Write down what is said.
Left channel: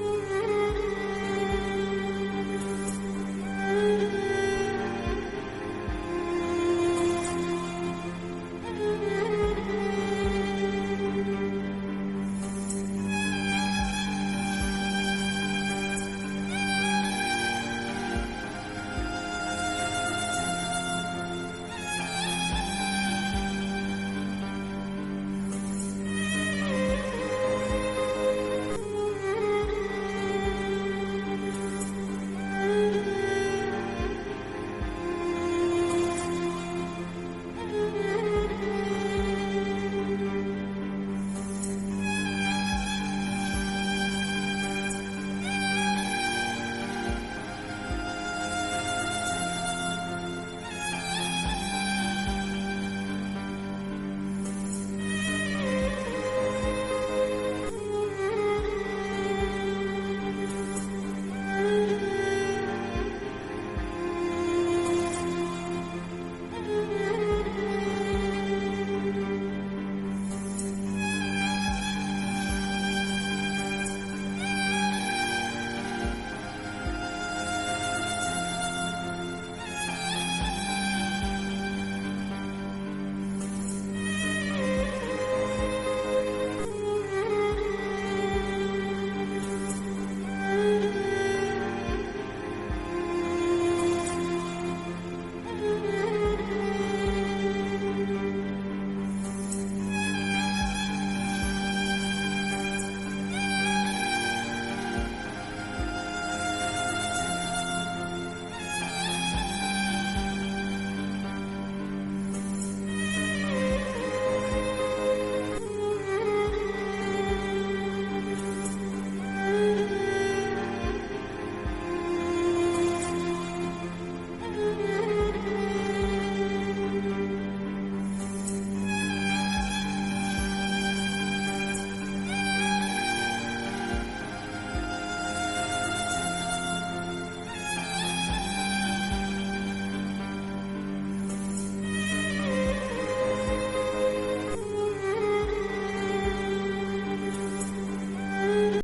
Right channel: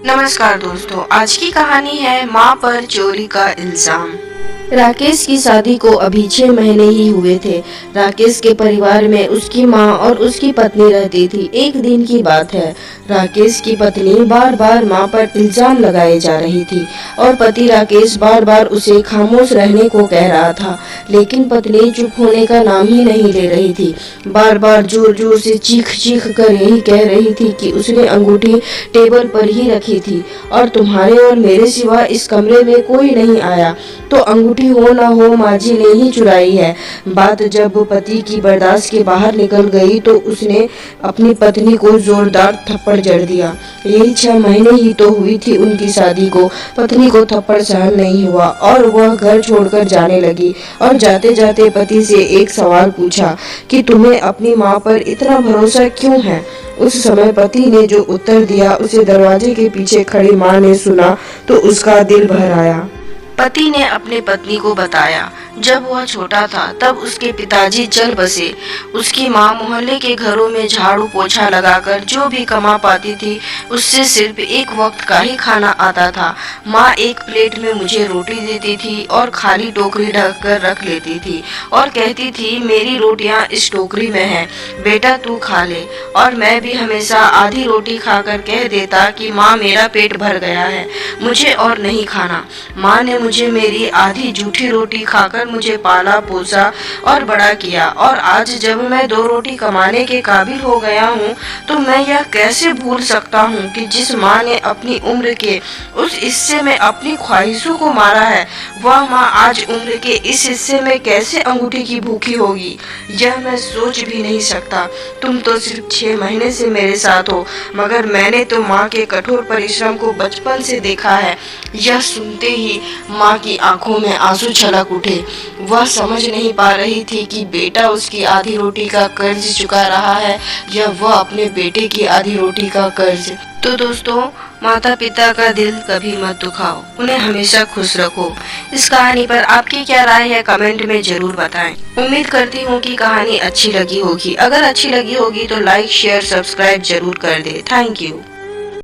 नमस्कार दोस्तों, आज की कहानी है माँ पर चोरी का इल्जाम। राकेश की शादी को अभी 6 महीने ही हुए थे। राकेश के परिवार में उसकी माँ और उसकी पत्नी रहती थी। एक दिन की बात है, राकेश की पत्नी बार बार माँ पर इल्जाम लगाए जा रही थी और पति राकेश बार बार उसे खामोश रहने को कह रहा था, लेकिन पत्नी चुप होने का नाम ही नहीं ले रही थी। बार बार जोर जोर से चीख चीख कर यही कह रही थी कि उसने अंगूठी टेबल पर ही रखी थी और तुम्हारे और मेरे सिवा इस कमरे में कोई नहीं आया, तो अंगूठी हो ना हो माझी ने ही चुराई है। बात जब पति की बर्दाश्त के बाहर निकल गई तो उसने अपनी पत्नी को जोरदार थप्पड़ जड़ दिया। यही 6 महीने ही तो हुई थी उनकी शादी को। पत्नी को थप्पड़ सहन नहीं हुआ और वह घर छोड़कर जाने लगी और जाते जाते पति से एक सवाल पूछा कि तुम्हें अपनी माँ पर इतना भरोसा क्यों है। उस समय पति ने जो उत्तर दिया उसे दरवाजे के पीछे खड़ी माँ ने सुना तो उसका दिल भर आया। पति ने अपने पत्नी को बताया, जब वह छोटा था तब उसके पिताजी चल बसे। उसकी माँ मोहल्ले के घरों में झाड़ू पोछा लगाकर जो भी कमा पाती थी उससे सिर्फ एक वक्त का ही खाना आता था। माँ एक प्लेट में मुझे रोटी देती थी और खाली टोकरी ढक कर रख लेती थी और कहती थी मेरी रोटियाँ इस टोकरी में हैं, बेटा तू खा ले। और मैं भी हमेशा आधी रोटी खाकर कह देता कि माँ मेरा पेट भर गया है, मुझे और नहीं खाना। माँ ने मुझे मेरी आधी जूठी रोटी खाकर मुझे पाला पोसा और बड़ा किया, और आज जब मैं 2 रोटी कमाने के काबिल हो गया हूँ तो मैं यह कैसे भूल सकता हूँ कि जिस माँ ने अपनी उम्र के उस हिस्से में अपनी ख्वाहिशों को मारा है, वह माँ आज उम्र के इस हिस्से में कैसे अंगूठी की भूखी होगी। यह मैं सोच भी नहीं सकता। तुम तो सिर्फ 6 महीने से मेरे साथ हो, मगर मैंने तो माँ के कठोर परिश्रम को बचपन से देखा है। यह सुनते ही माँ की आंखों में आंसू छलक उठे। वह समझ नहीं पा रही थी कि बेटा उसकी आधी रोटी का कर्ज चुका रहा है या वह अपने बेटे की आधी रोटी का कर्ज। तो दोस्तों, माता पिता का दिल कभी मत दुखाओ, उन्हें हमेशा खुश रखो। इस कहानी पर आपकी क्या राय है कमेंट में जरूर बताएं। उम्मीद करती हूँ कि कहानी अच्छी लगी होगी। अगर अच्छी लगी होगी तो लाइक शेयर सब्सक्राइब जरूर कर दे। Thank you.